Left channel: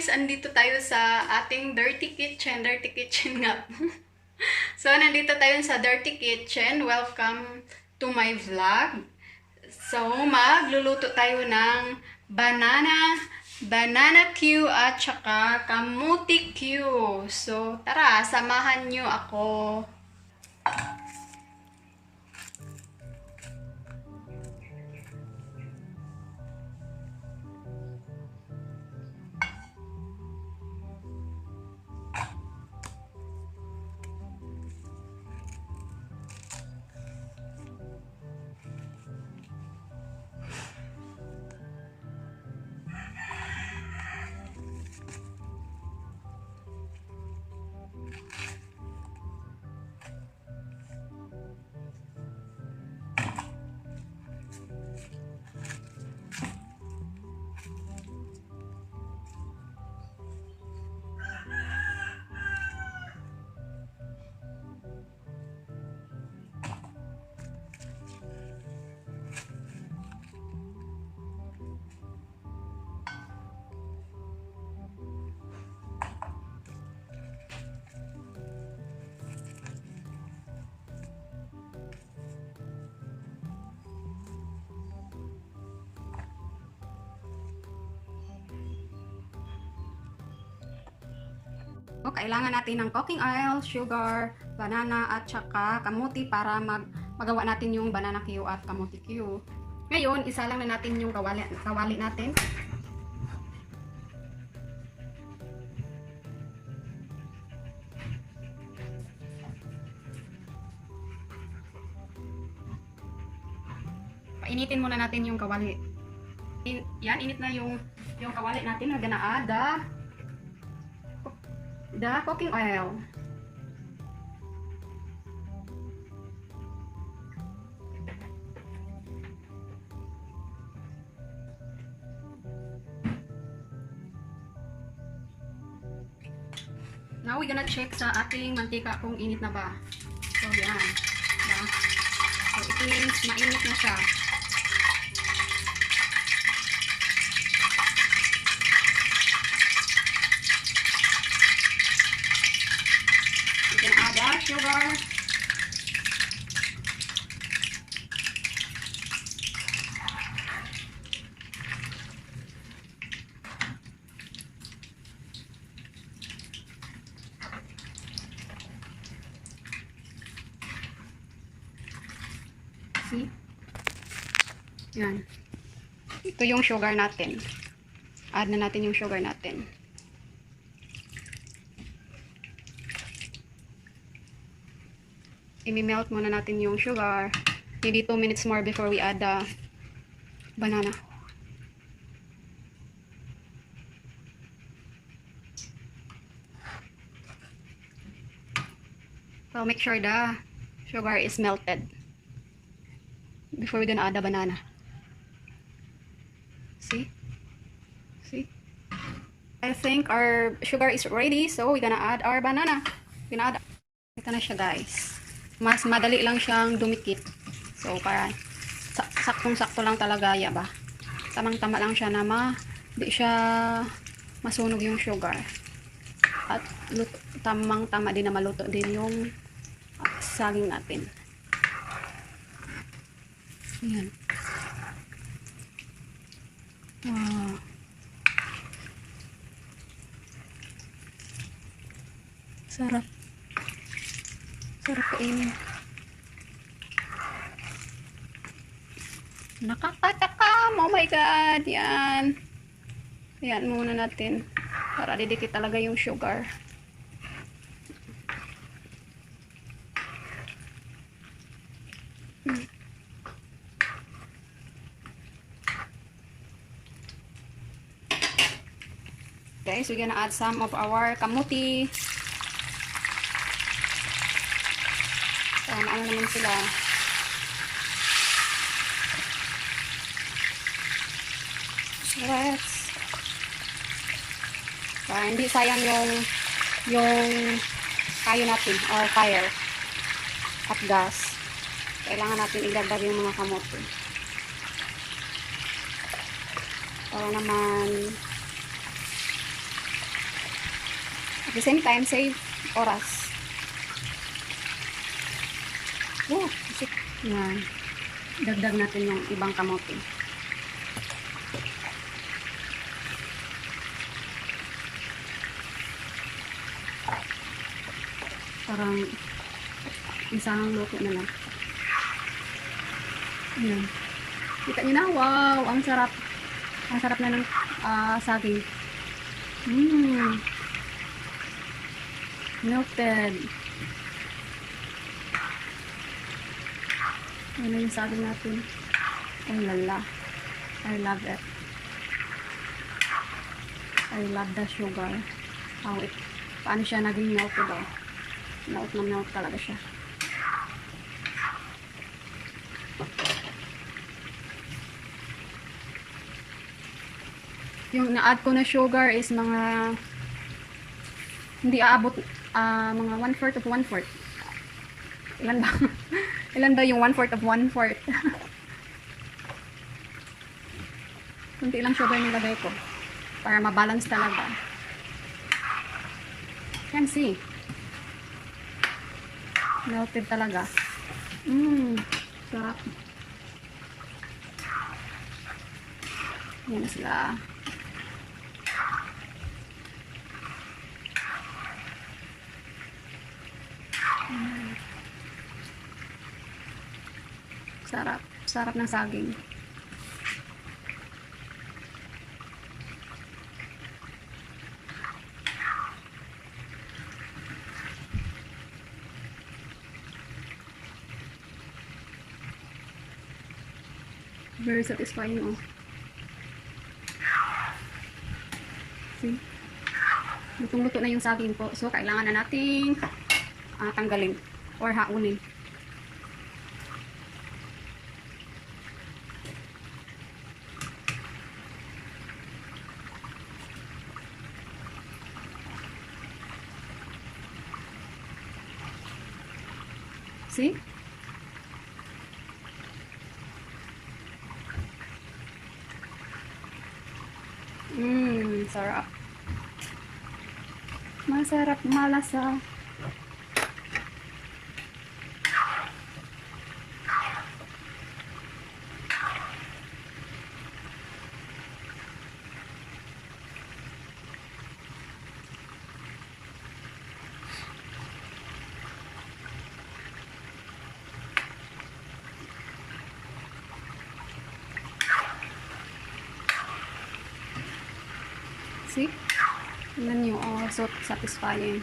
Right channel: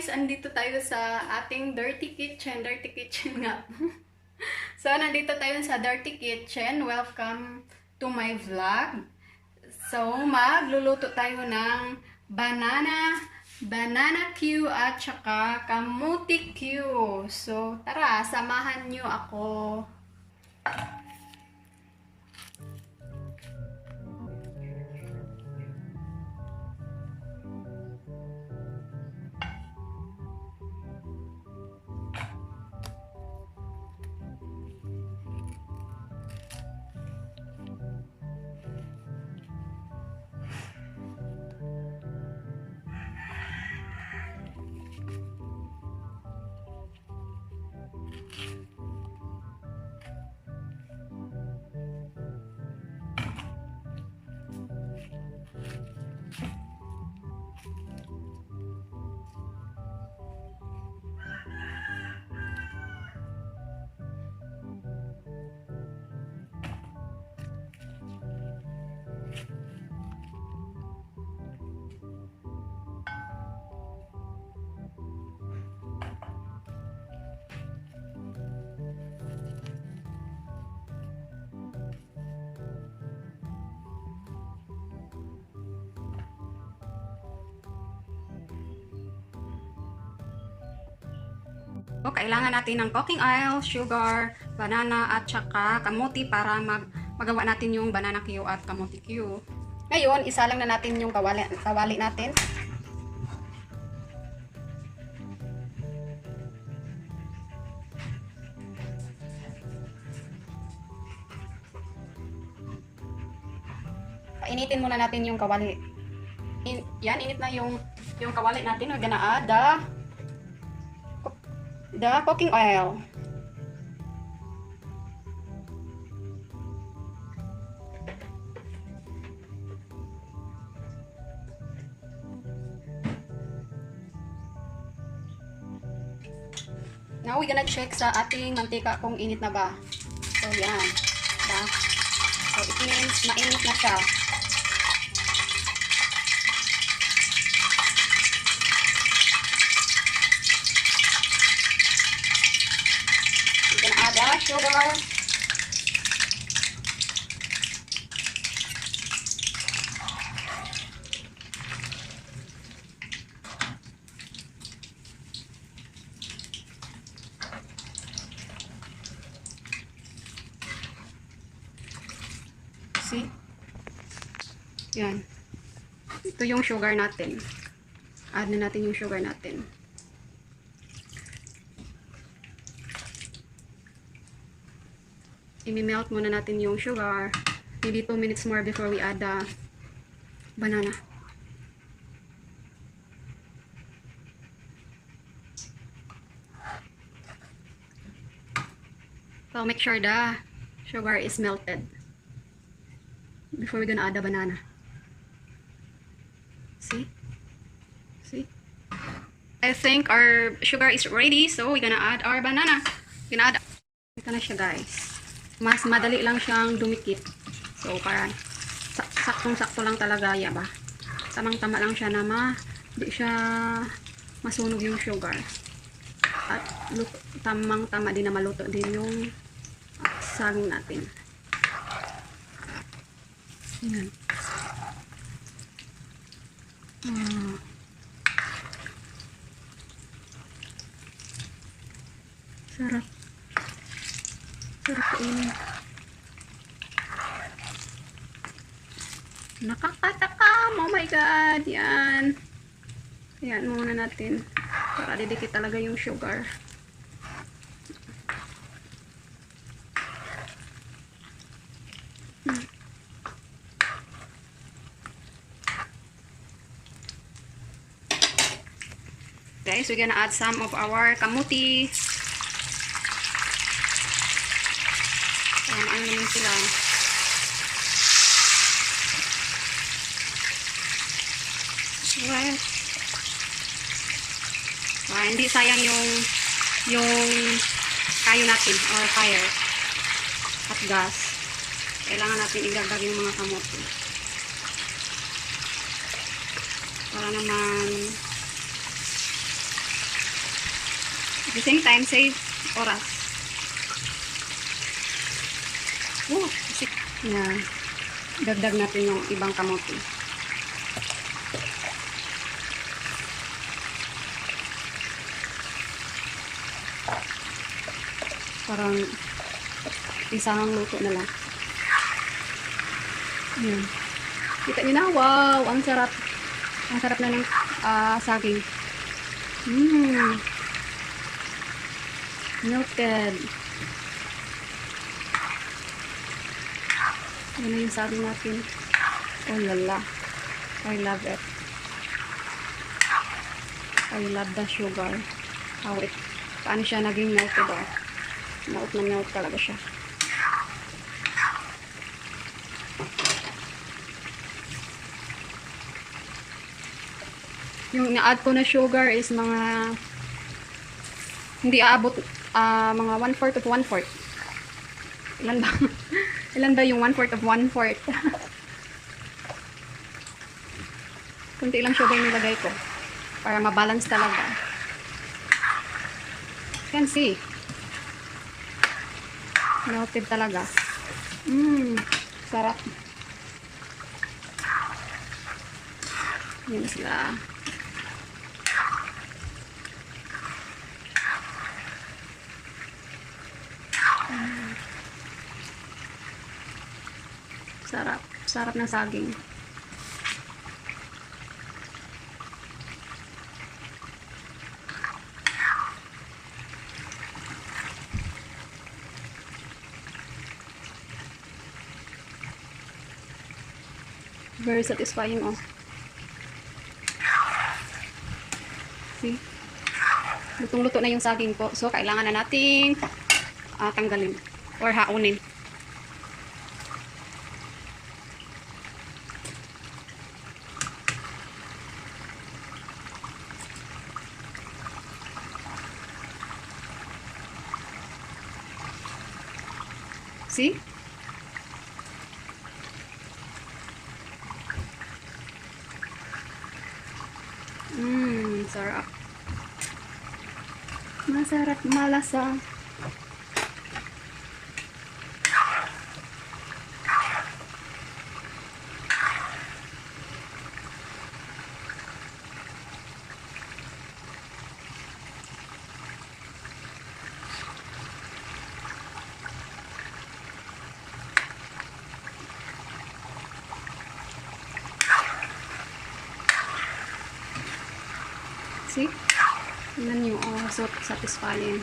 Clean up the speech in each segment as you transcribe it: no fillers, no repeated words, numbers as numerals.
guys, andito tayo sa ating dirty kitchen. Dirty kitchen nga. So, nandito tayo sa dirty kitchen. Welcome to my vlog. So, magluluto tayo ng bananacue at saka kamuticue. So, tara, samahan nyo ako. So, kailangan natin ng cooking oil, sugar, banana, at saka kamuti para magawa natin yung bananacue at kamuticue. Ngayon, isa lang na natin yung kawali natin. Painitin muna natin yung kawali. Yan, init na yung kawali natin. We're gonna add the cooking oil. Now, we're gonna check sa ating mantika kung init na ba. So, yan. Diba? So, it means mainit na siya. Sugar. See? Yan. Ito yung sugar natin. Add na natin yung sugar natin. I-melt muna natin yung sugar. Maybe 2 minutes more before we add the banana. So make sure the sugar is melted before we're gonna add the banana. See? See? I think our sugar is ready, so we're gonna add our banana. We're gonna add. Ito na siya, guys. Mas madali lang siyang dumikit. So, para saktong-sakto lang talaga, ba? Tamang-tama lang siya na di siya masunog yung sugar. At tamang-tama din na maluto din yung saging natin. Ayan. Sarap. Sarap kainin. Nakakatakam! Oh my God! Yan. Yan muna natin. Para didikit talaga yung sugar. Guys, we're gonna add some of our kamuti. Ano naman sila. Yes. So, hindi sayang yung kayo natin or fire at gas. Kailangan natin idagdag yung mga kamote. Para naman At the same time, save oras. Isip. Yan. Dagdag natin yung ibang kamote. Parang isang luto na lang. Yan. Kita nyo na, wow, ang sarap. Ang sarap na ng saging. Melted. Yan na yung saging natin. Oh lala. I love it. I love the sugar. Paano siya naging melted, oh. Melt na melt talaga siya. Yung na-add ko na sugar is mga hindi aabot mga 1/4 of 1/4. Ilan ba? Ilan ba yung 1/4 of 1/4? Kunti lang sugar nilagay ko para mabalance talaga. Can see. Melted talaga. Sarap. Yan sila. Sarap. Sarap ng saging. Very satisfying, oh. See? Lutong-luto na yung saging po. So, kailangan na nating tanggalin or haunin. See? Sarap. Masarap, malasa. See? Tingnan nyo, oh, so satisfying.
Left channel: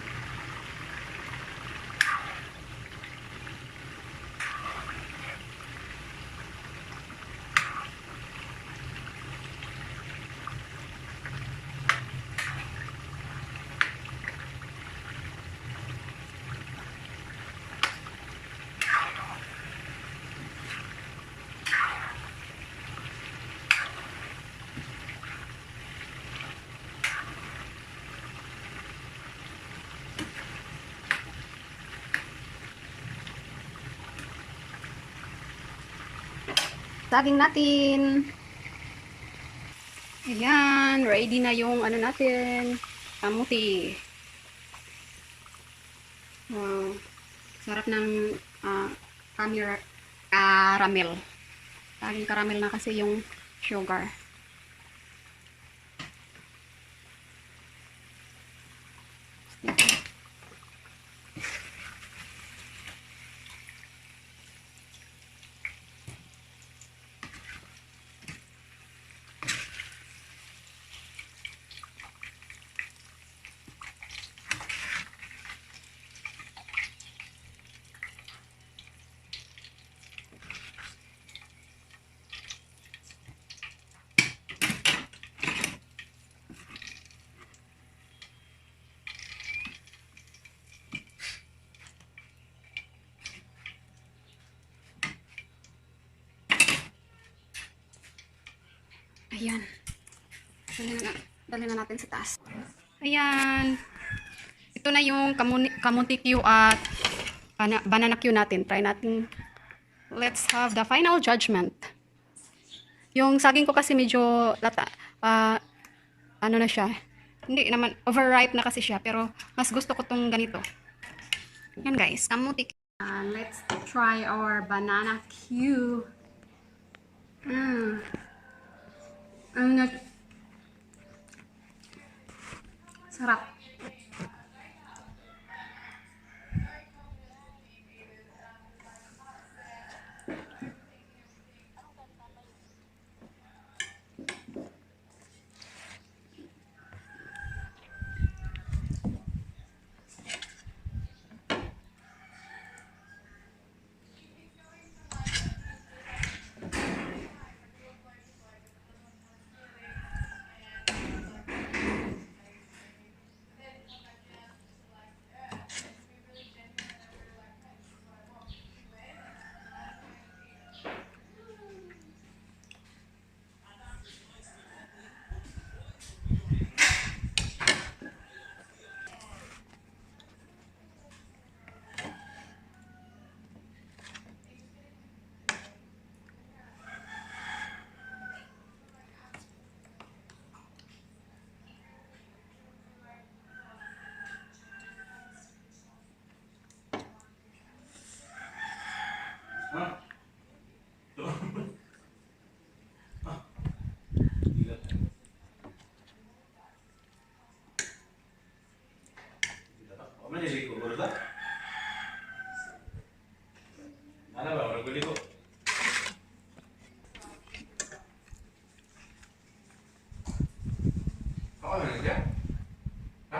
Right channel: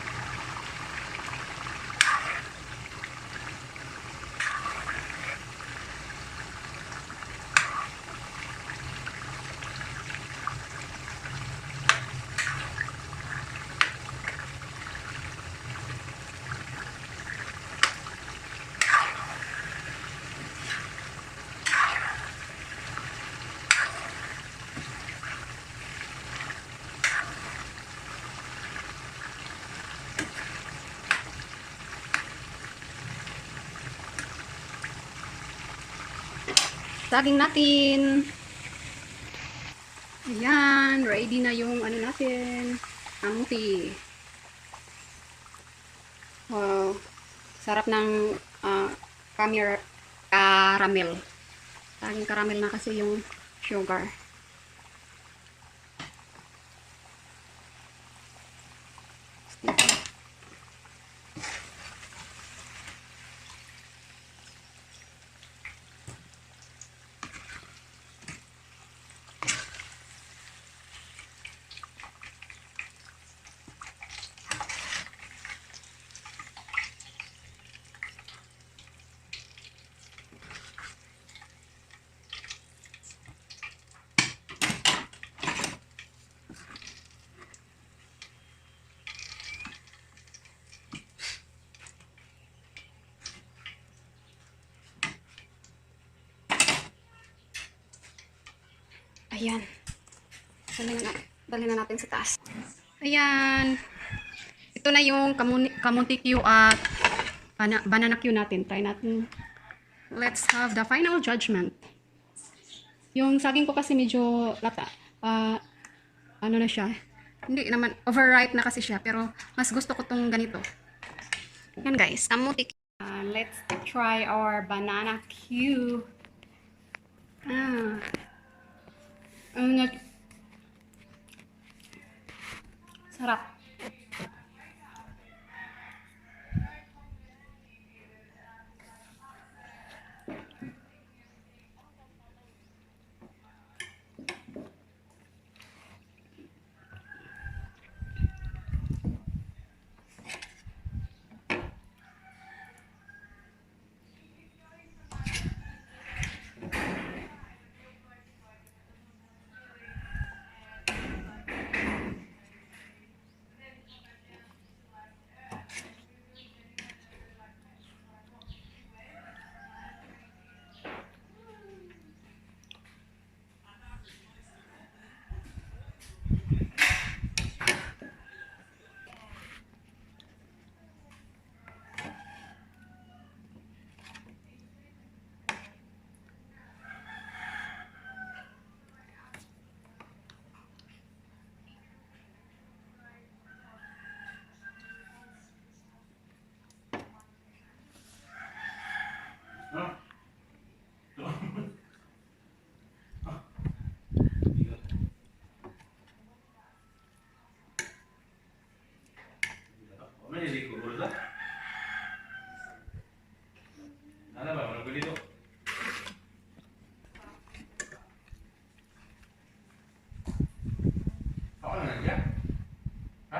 Saging natin. Ayan, ready na yung ano natin. Kamuti. Wow. Sarap ng caramel. Saging caramel na kasi yung sugar. Ayan. Dali na natin sa taas. Ayan. Ito na yung Potatocue at Bananacue natin. Try natin. Let's have the final judgment. Yung saging ko kasi medyo lata. Ano na siya? Hindi naman, overripe na kasi siya. Pero mas gusto ko tong ganito. Yan guys, kamutik. Let's try our Bananacue. Ano, sarap. Ano ba? Nagbili ko. Ako na nandiyan? Ha?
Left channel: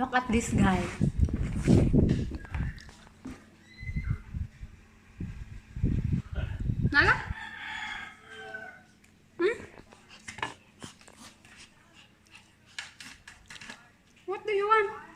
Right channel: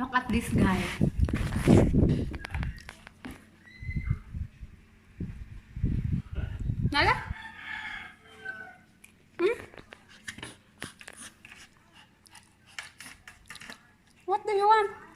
Look at this guy. Nala? What do you want?